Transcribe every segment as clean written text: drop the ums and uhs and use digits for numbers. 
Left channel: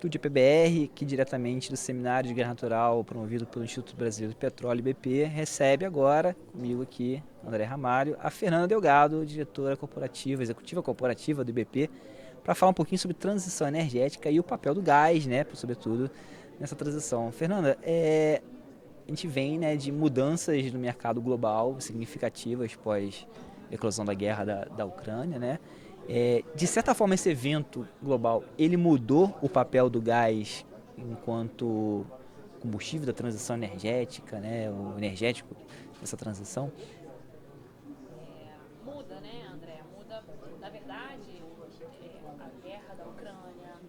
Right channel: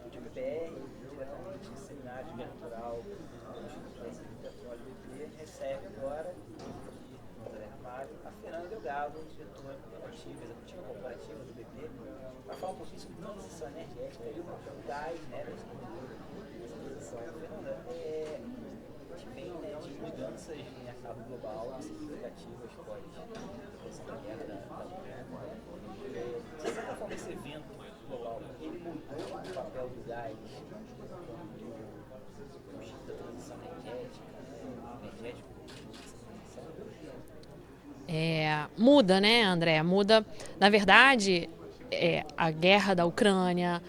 Estúdio PBR, aqui diretamente do Seminário de Guerra Natural, promovido pelo Instituto Brasileiro do Petróleo, IBP, recebe agora, comigo aqui, André Ramalho, a Fernanda Delgado, diretora corporativa, executiva corporativa do IBP, para falar um pouquinho sobre transição energética e o papel do gás, né, sobretudo, nessa transição. Fernanda, a gente vem, né, de mudanças no mercado global significativas pós a eclosão da guerra da Ucrânia, né? De certa forma, esse evento global, ele mudou o papel do gás enquanto combustível da transição energética, né? O energético dessa transição? Muda, né, André? Muda, na verdade, a guerra da Ucrânia,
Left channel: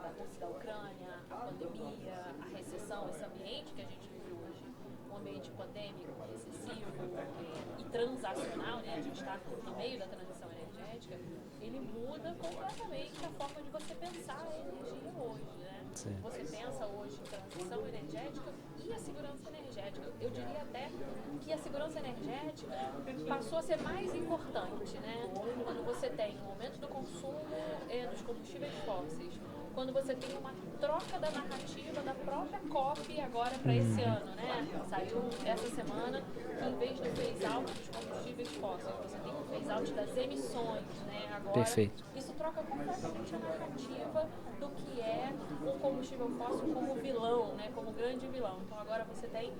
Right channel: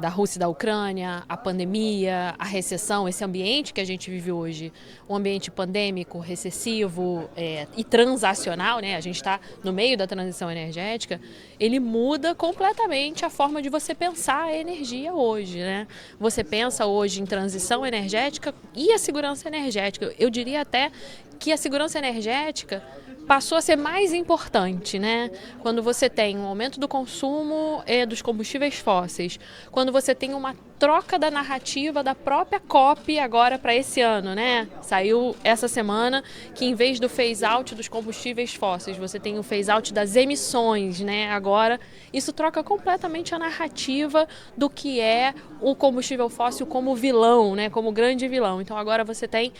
da Rússia e da Ucrânia, a pandemia, a recessão, esse ambiente que a gente vive hoje, um ambiente pandêmico, recessivo e transacional, né? A gente está no meio da transição energética, ele muda completamente a forma de você pensar a energia hoje, né? Você pensa hoje em transição energética e a segurança energética. Eu diria até que a segurança energética passou a ser mais importante, né? Quando você tem um aumento do consumo dos combustíveis fósseis, quando você tem uma troca da narrativa da própria COP agora para esse ano, né? Saiu essa semana que em vez do phase out dos combustíveis fósseis, você tem o phase out das emissões, né? Agora, Perfeito. isso troca completamente a narrativa do que é o combustível fóssil como vilão, né? Como grande vilão. Então agora você tem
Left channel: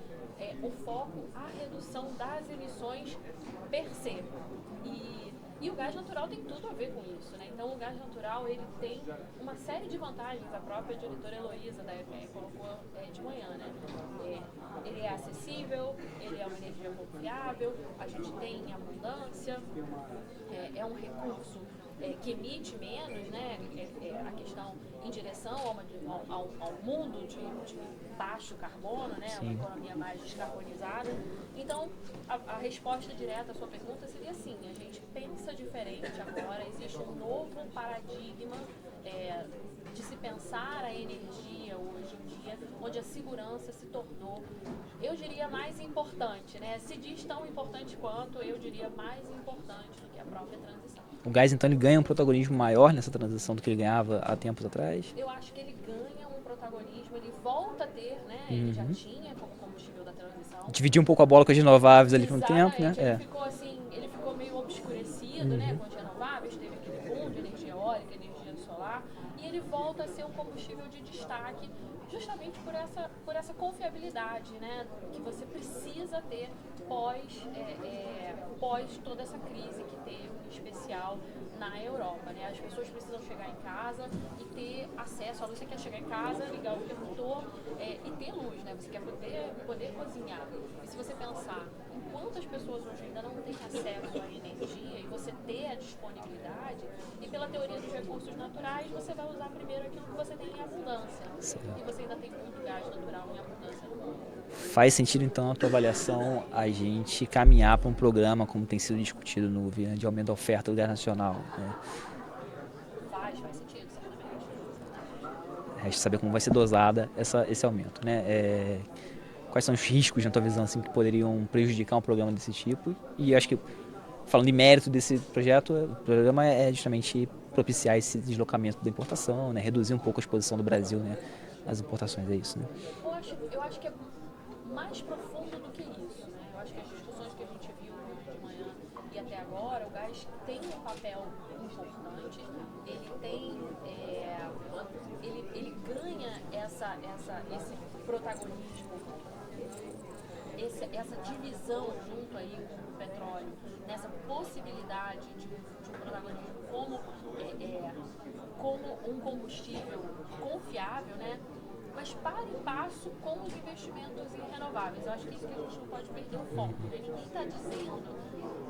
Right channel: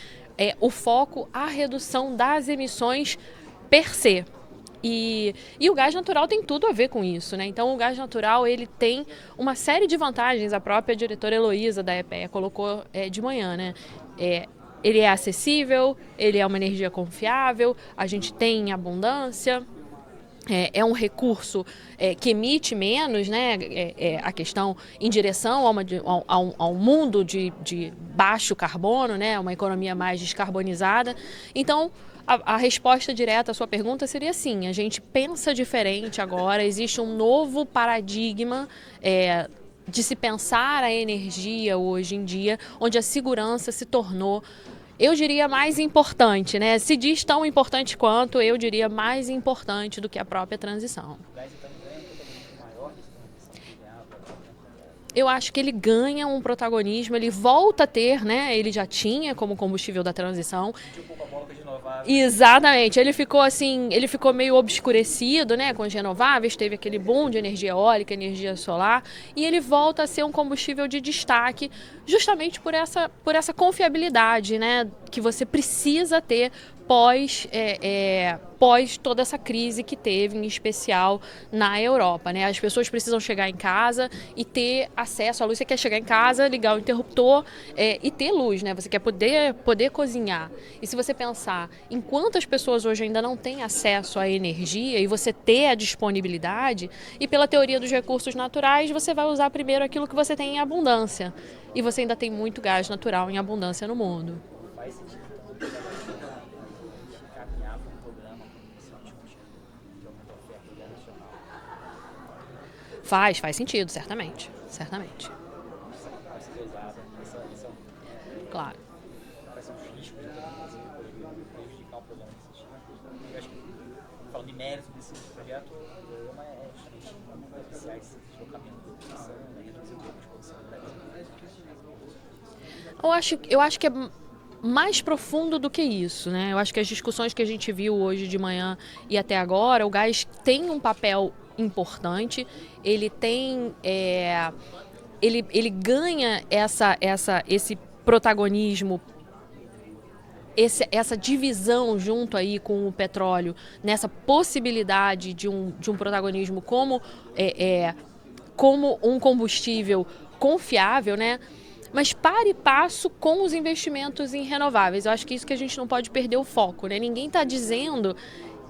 o foco, a redução das emissões per se. E o gás natural tem tudo a ver com isso, né? Então o gás natural ele tem uma série de vantagens, a própria diretora Heloísa da EPE colocou de manhã, né? Ele é acessível, ele é uma energia confiável, a gente tem em abundância, é um recurso que emite menos, né? A questão em direção a um mundo de baixo carbono, né? Uma economia mais descarbonizada. Então, a resposta direta à sua pergunta seria sim, a gente pensa diferente agora, existe um novo paradigma de se pensar a energia hoje em dia, onde a segurança se tornou, eu diria, mais importante, né? Se diz tão importante quanto, eu diria mais importante do que a própria transição. O gás, então, ele ganha um protagonismo maior nessa transição do que ele ganhava há tempos atrás? Eu acho que ele ganha um protagonismo, ele volta a ter, né? Ele já tinha como combustível da transição. Dividir um pouco a bola com as renováveis ali com o Exatamente, tempo, né? ele ficou assim, ele ficou meio obscurecido, né, com as renováveis, teve aquele boom de energia eólica, energia solar, e ele volta a ser um combustível de destaque justamente por essa confiabilidade, né, que você precisa ter pós toda essa crise que teve, em especial na Europa, né? As pessoas precisam chegar em casa e ter acesso à luz. Você quer chegar em casa, ligar o interruptor e ter luz, né? Você quer poder cozinhar. E se você pensar em quantas pessoas hoje ainda não têm acesso à energia e você ter a disponibilidade, e pela teoria dos recursos naturais, você vai usar primeiro aquilo que você tem em abundância. E você ainda tem muito gás natural em abundância no mundo. Faz sentido, então, a tua avaliação, a gente caminhar para um programa, como tem sido discutido no governo, de aumento da oferta do gás nacional, né? Faz sentido, certamente. Resta saber como vai ser dosada esse aumento, né? Claro. Quais são os riscos, na tua visão, assim, que poderiam prejudicar um programa desse tipo? E acho que, falando de mérito desse projeto, o programa é justamente propiciar esse deslocamento da importação, né? Reduzir um pouco a exposição do Brasil, né? Às importações, é isso, né? Eu acho que é mais profundo do que isso, né? Eu acho que as discussões que a gente viu hoje de manhã e até agora, o gás tem um papel importante, ele tem, ele ganha esse protagonismo, essa divisão junto aí com o petróleo, nessa possibilidade de um protagonismo como um combustível confiável, né? Mas para e passo com os investimentos em renováveis. Eu acho que isso que a gente não pode perder o foco, né? Ninguém está dizendo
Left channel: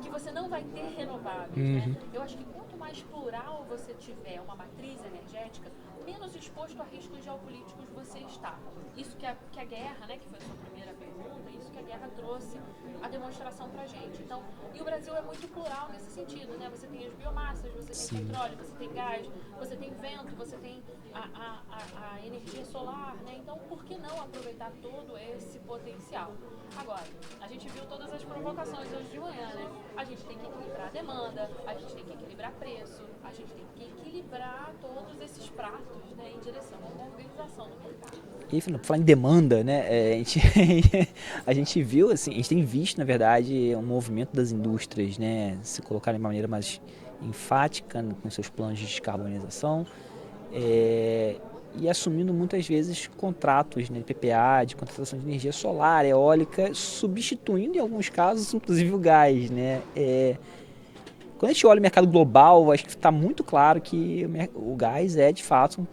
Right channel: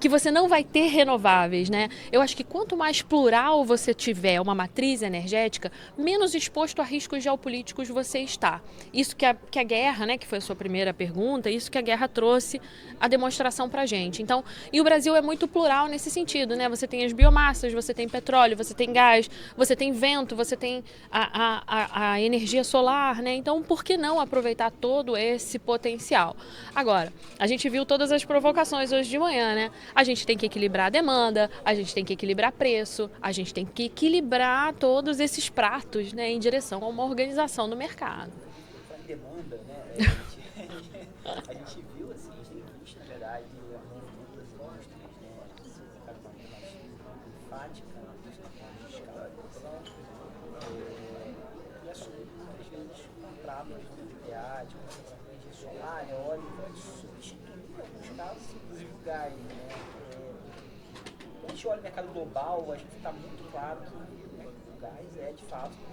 que você não vai ter renováveis, né? Eu acho que quanto mais plural você tiver uma matriz energética, menos exposto a riscos geopolíticos você está. Isso que a guerra, né, que foi a sua primeira pergunta, isso que a guerra trouxe a demonstração pra gente. Então, e o Brasil é muito plural nesse sentido, né? Você tem as biomassas, você tem petróleo, você tem gás, você tem vento, você tem a energia solar, né? Então, por que não aproveitar todo esse potencial? Agora, a gente viu todas as provocações hoje de manhã, né? a gente tem que equilibrar a demanda, a gente tem que equilibrar preço, a gente tem que equilibrar todos esses pratos, né, em direção a uma organização do mercado. E falar em demanda, né, a gente viu, assim, a gente tem visto, na verdade, um movimento das indústrias, né, se colocar de uma maneira mais enfática, né, com seus planos de descarbonização, e assumindo muitas vezes contratos, né, PPA, de contratação de energia solar, eólica, substituindo em alguns casos, inclusive o gás, né. Quando a gente olha o mercado global, acho que está muito claro que o gás é, de fato,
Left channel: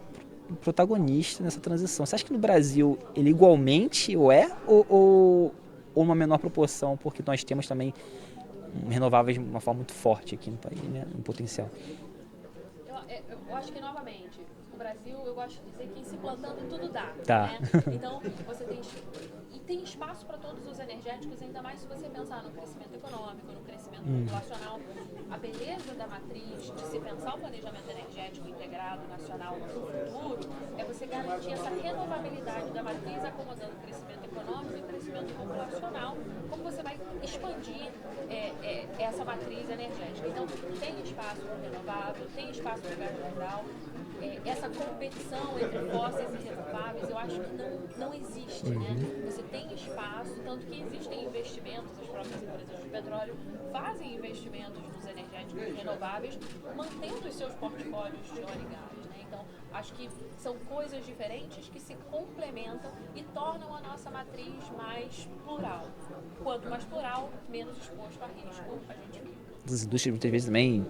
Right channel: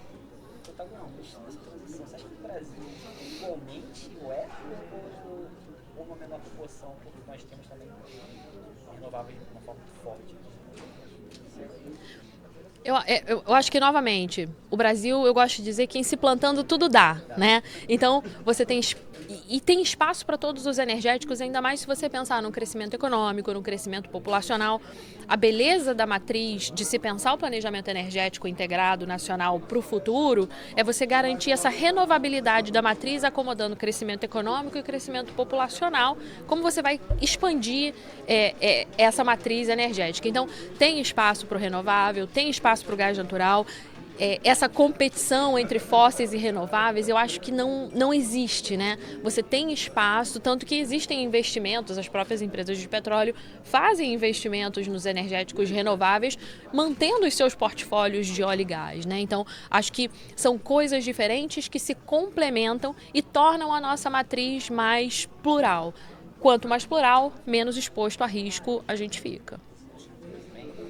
um protagonista nessa transição. Você acha que no Brasil ele igualmente ou uma menor proporção, porque nós temos também renováveis de uma forma muito forte aqui no país, né, no potencial? Eu acho que, novamente, o Brasil, eu gosto de dizer que em se plantando tudo dá, né? Então, você tem espaço para todos os energéticos, ainda mais se você pensar no crescimento econômico, no crescimento populacional. A beleza da matriz de se pensar o planejamento energético integrado nacional para o futuro é você garantir essa renovabilidade da matriz acomodando o crescimento econômico e o crescimento populacional, como você vai expandir essa matriz energética. Então, tem espaço para o renovável, tem espaço para o gás natural. Essa competição entre fósseis e renováveis, eu acho que não existe, né? Você tem espaço, tanto que existem investimentos, as próprias empresas de petróleo fazem investimentos nos energéticos renováveis, mantendo os seus portfólios de óleo e gás, né? Então, acho que são coisas diferentes que se complementam e tornam a nossa matriz mais plural. Quanto mais plural, menos exposto a risco a gente fica. As indústrias muitas vezes também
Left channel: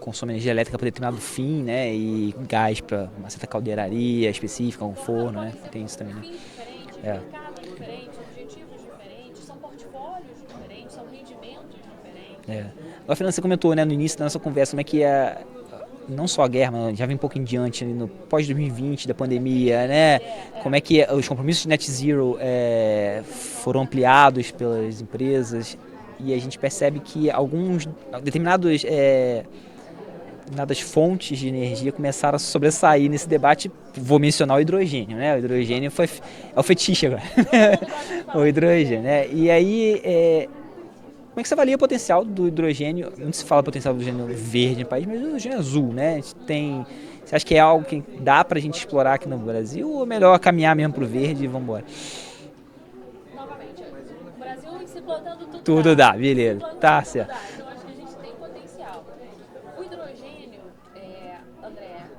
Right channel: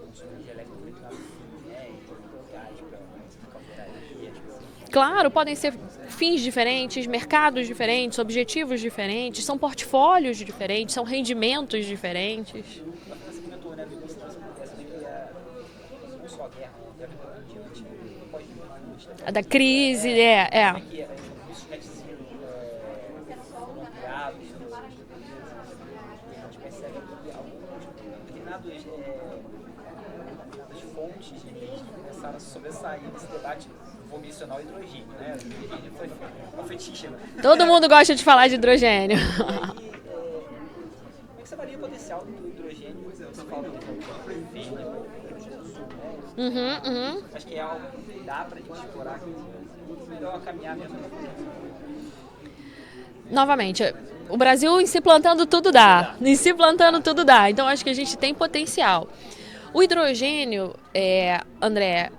consome energia elétrica para determinado fim, né? E gás para uma certa caldeiraria específica. Claro, forno, podem né? ser fins diferentes, mercados diferentes, objetivos diferentes, são portfólios diferentes, são rendimentos diferentes. A Fernanda, você comentou, né, no início da nossa conversa, como é que não só a guerra, mas já vem um pouco em diante, no pós-2020, da pandemia, da crise, né? Como é que os compromissos de net zero foram ampliados pelas empresas e a gente percebe que determinadas fontes de energia começaram a sobressair nesse debate. Vou mencionar o hidrogênio, né? O hidrogênio é o fetiche agora. Todo mundo gosta de falar de hidrogênio. Né? E aí, como é que você avalia o potencial do hidrogênio? Não se fala potencial do hidrogênio verde no país, mas do hidrogênio azul, né? Você acha que é algo que dá pra gente explorar aqui no Brasil ou é melhor caminhar mesmo pro verde e vamos embora? Novamente, o Brasil em se plantando tudo dá. Em se plantando tudo certo. dá. Então, acho que a gente tem potencial. O hidrogênio, André,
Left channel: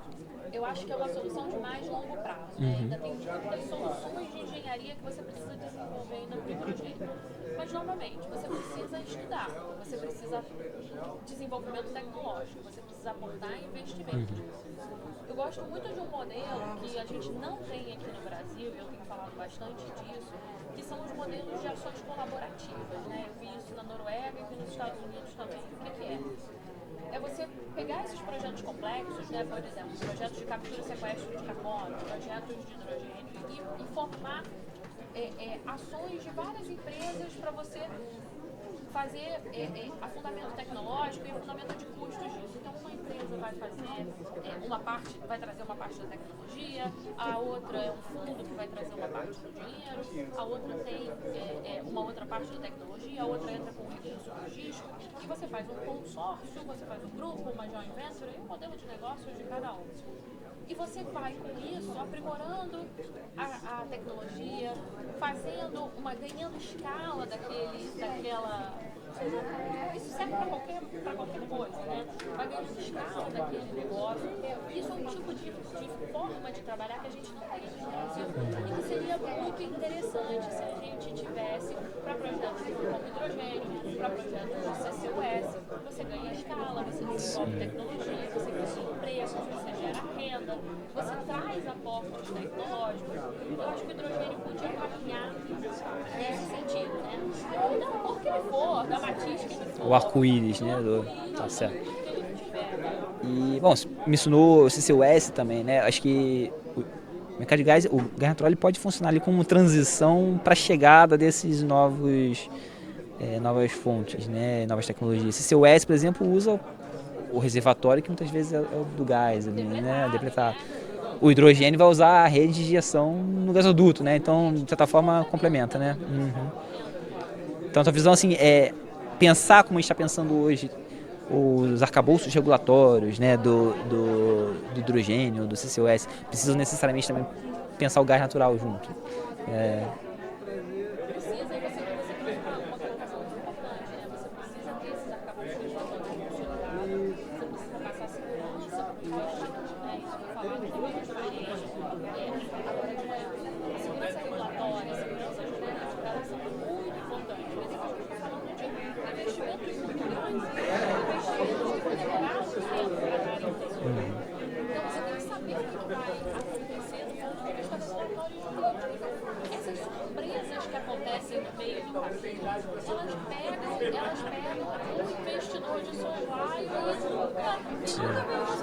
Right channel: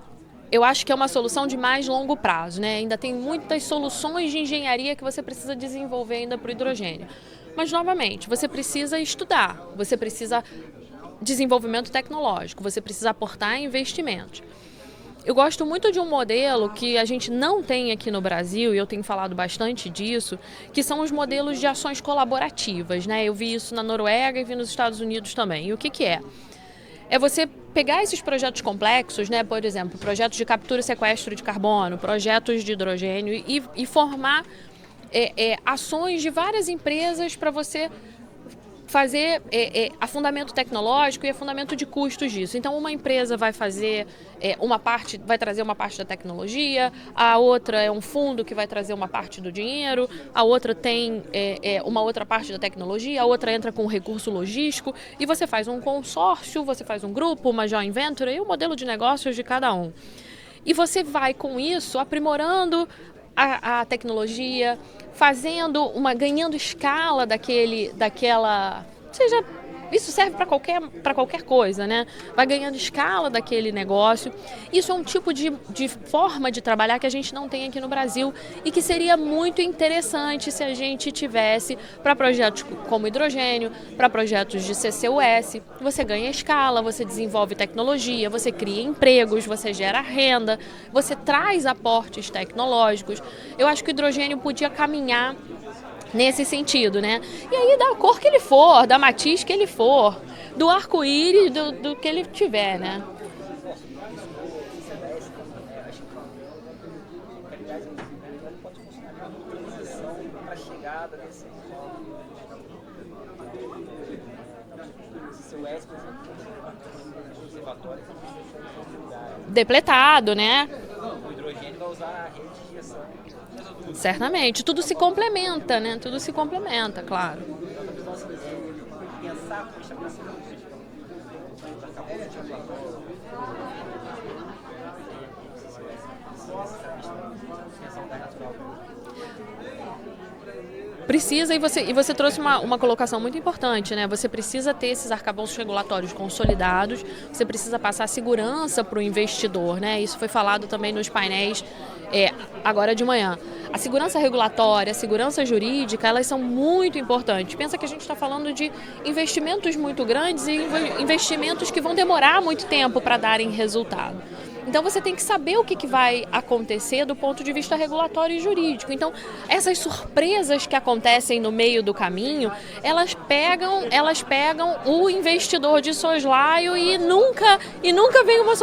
eu acho que é uma solução de mais longo prazo, né? Ainda tem muitas soluções de engenharia que você precisa desenvolver ainda para o hidrogênio. Mas, novamente, você precisa estudar, você precisa desenvolvimento tecnológico, você precisa aportar investimentos. Eu gosto muito de um modelo que a gente não tem aqui no Brasil, e eu tenho falado bastante disso, que são os modelos de ações colaborativas, né? Eu vi isso na Noruega e vi nos Estados Unidos também. E o que é? É você pegar esses projetos complexos, né? Por exemplo, projetos de captura e sequestro de carbono, projetos de hidrogênio e formar ações de várias empresas para você fazer afundamento tecnológico e afundamento de custos disso. Então, uma empresa vai fazer vai trazer uma parte da tecnologia, a outra é um fundo que vai trazer uma parte do dinheiro, a outra tem uma outra parte da tecnologia, a outra entra com recurso logístico e você faz um consórcio, você faz um grupo, uma joint venture e o modelo de negócios de cada um. E você vai, com isso, aprimorando a tecnologia, ganhando escala daquela, seja, isso serve para qualquer coisa, né? Vai ganhando escala daquele negócio. Isso é um tipo de forma de trabalhar que a gente não tem aqui no Brasil e que seria muito interessante se a gente tivesse para projetos como hidrogênio, para projetos de CCUS. Você ganha escala, você desenvolve tecnologia, você cria empregos, você gera renda, você traz aportes tecnológicos. Eu acho que o hidrogênio podia caminhar nesse sentido, né? E aí da cor que ele for, da matiz que ele for, do arco-íris, do que ele tiver, né? E, bom, você mencionou o CCUS também, né? Acho que o mercado de gás, o gás natural, ele pode funcionar ali como transição para a chegada desses novas fontes, né? Novas tecnologias. CCUS, por exemplo, usa o reservatório que muitas vezes é o do gás. Depletado, né? O hidrogênio vai usar a rede de injeção no gasoduto, certamente, né? Então, tudo se complementa, né? Tudo se complementa, claro. Então, a tua visão, assim, pensar como a gente está pensando hoje, os arcabouços regulatórios, né, do hidrogênio, do CCUS, precisam necessariamente também pensar o gás natural junto. Precisa, e você trouxe uma colocação muito importante, né? Você precisa ter esses arcabouços regulatórios consolidados, você precisa passar segurança para o investidor, né? Isso foi falado também nos painéis agora de manhã. A segurança regulatória, a segurança jurídica, elas são muito importantes. Pensa que a gente está falando de investimentos muito grandes e investimentos que vão demorar muito tempo para darem resultado. Então você tem que saber o que vai acontecer do ponto de vista regulatório e jurídico. Então essas surpresas que acontecem no meio do caminho, elas pegam o investidor de soslaio e nunca vem uma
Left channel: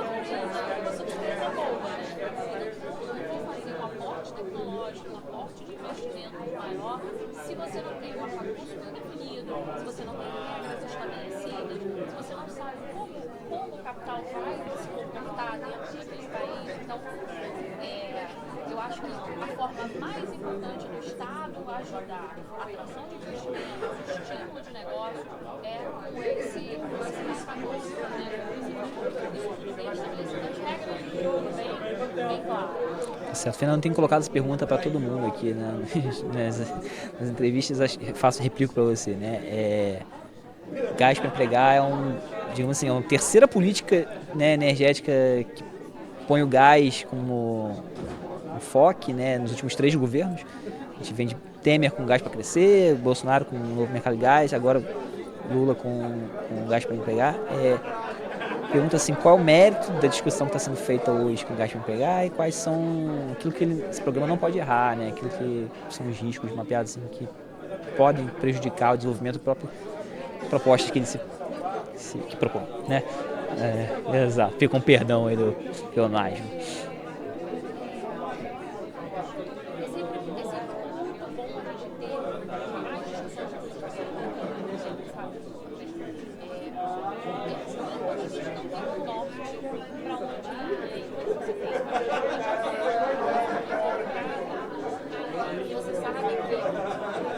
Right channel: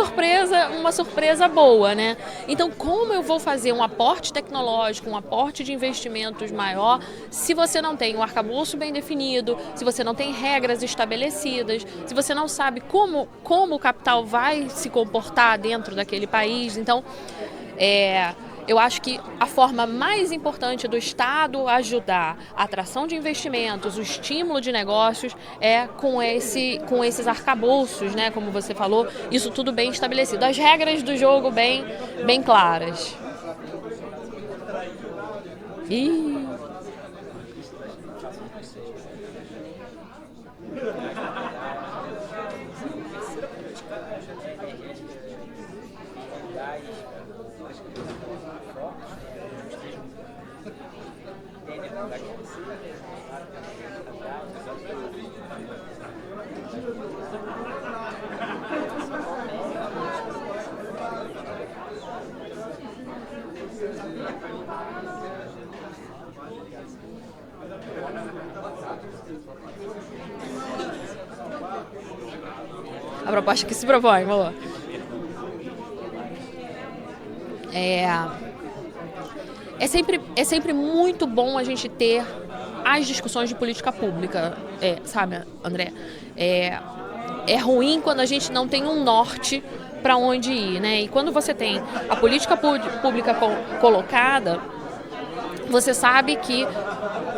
surpresa boa, né? Então como eu vou fazer um aporte tecnológico, um aporte de investimentos maior, se você não tem um arcabouço bem definido, se você não tem regras estabelecidas, se você não sabe como o capital vai se comportar dentro daquele país. Então, eu acho que a forma mais importante do Estado ajudar a atração de investimentos, o estímulo de negócios, é com esses arcabouços, né, como você falou, isso tudo bem estabelecido. As regras do jogo bem claras. A Fernanda tem colocado essa pergunta para todo mundo aqui, né? Nas entrevistas eu faço replico para você, né? Gás para empregar digamos assim, uma terceira política, né, energética que põe o gás como enfoque, né, nos últimos 3 governos. A gente vem de Temer com gás para crescer, Bolsonaro com o novo mercado de gás, agora Lula com gás para empregar. Pergunta assim, qual é o mérito da discussão que está sendo feita hoje com o gás para empregar e quais são aquilo que esse programa não pode errar, né, aquilo que são os riscos mapeados assim, que podem prejudicar o desenvolvimento do próprio propostas que ele se propõe, né? A proposta que se propõe, vamos lá. Fica um perdão aí do pleonasmo. É sempre muito bom a gente ter as discussões de política pública, sabe, André? É ruim quando a gente não tem um norte para onde ir, né? E quando você tem a política pública colocada, você sabe que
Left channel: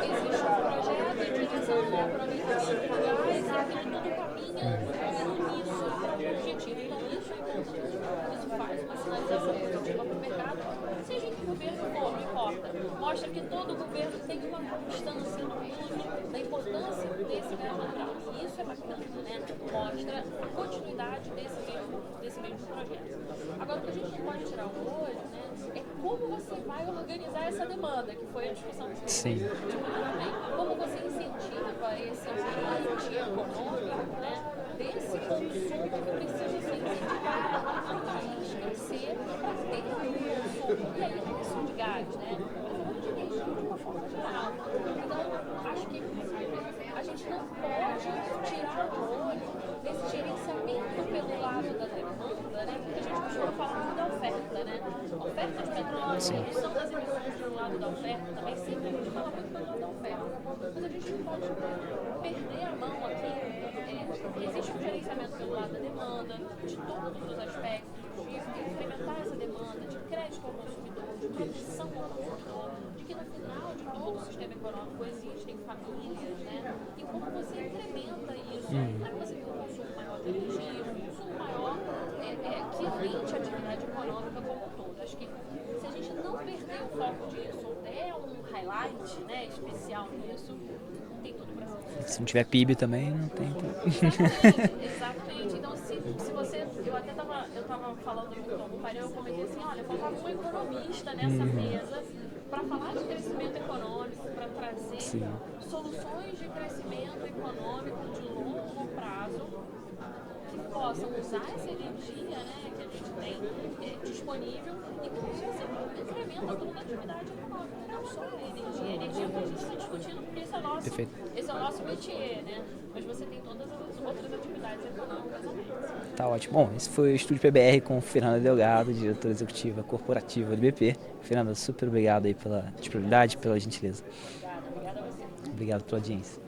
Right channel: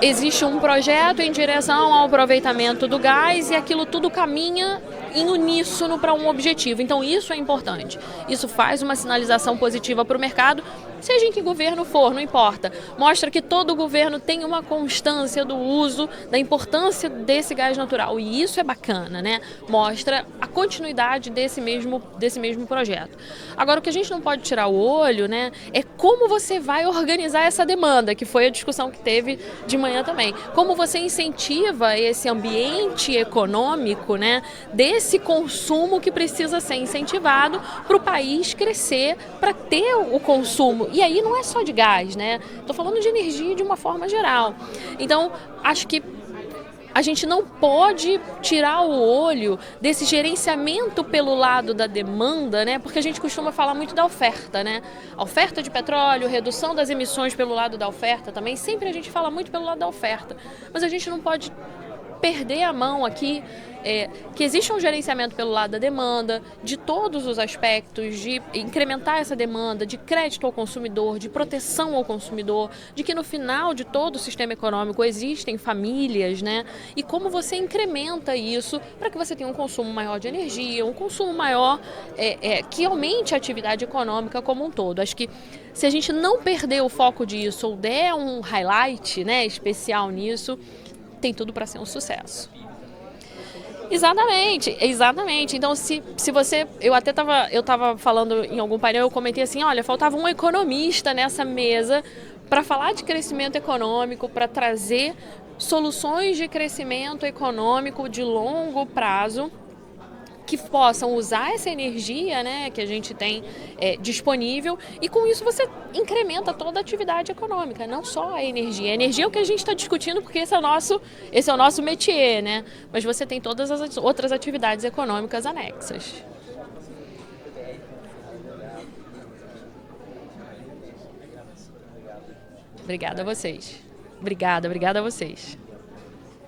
existe um projeto em direção ao aproveitamento do gás e aquilo tudo caminha em uníssono para um objetivo. Então isso é importante. Isso faz uma sinalização positiva para o mercado, seja em que governo for, não importa. Mostra que todo governo tem uma constância do uso, da importância desse gás natural. E isso é bacana, né? Mostra a continuidade desse mesmo projeto. Agora, o que a gente não pode tirar o olho, né, é como você vai organizar essa demanda, que foi a discussão que teve de manhã também. Como você incentiva esse ambiente econômico, né, desse consumo que precisa ser incentivado para o país crescer, para ter o consumo. E aí não é só de gás, né? Estou falando de energia de uma forma geral. Então, acho que a gente não pode tirar o olho desse gerenciamento pelo lado da demanda, né? Porque a gente costuma falar muito da oferta, né? A oferta de petróleo, redução das emissões pelo lado da oferta também. Sempre a gente fala muito pelo lado da oferta. Mas a gente não pode perder a mão aqui, que existe um gerenciamento pelo lado da demanda, de todos os aspectos, de incrementar essa demanda, de crédito ao consumidor, de proteção ao consumidor, de que no final de todo o sistema econômico existem famílias, né? E como você incrementa isso para que você tenha um consumo maior de energia, um consumo maior que aumente a atividade econômica como um todo. Acho que se a gente não perder o foco disso ou der um highlight, né, especial nisso, tem tudo para ser um sucesso. Se não tiver PIB também, não tem. Exatamente. Então, se você... Eu estava falando em algum painel, eu comentei assim, olha, faltava um economista nessa mesa para falar de crescimento econômico, para trazer soluções de crescimento econômico de longo prazo, que possam usar essa energia, né, que a gente tem disponível, e com isso você incrementa toda a atividade econômica, não só a energia. A energia é o que a gente está discutindo porque esse é o nosso métier, né? Mas você tem todas as outras atividades econômicas anexas. Tá ótimo. Bom, esse foi o Estúdio PBR com Fernanda Delgado, diretora executiva corporativa do BP. Fernanda, super obrigado aí pela disponibilidade, pela gentileza. Obrigada a vocês. Obrigado pela audiência.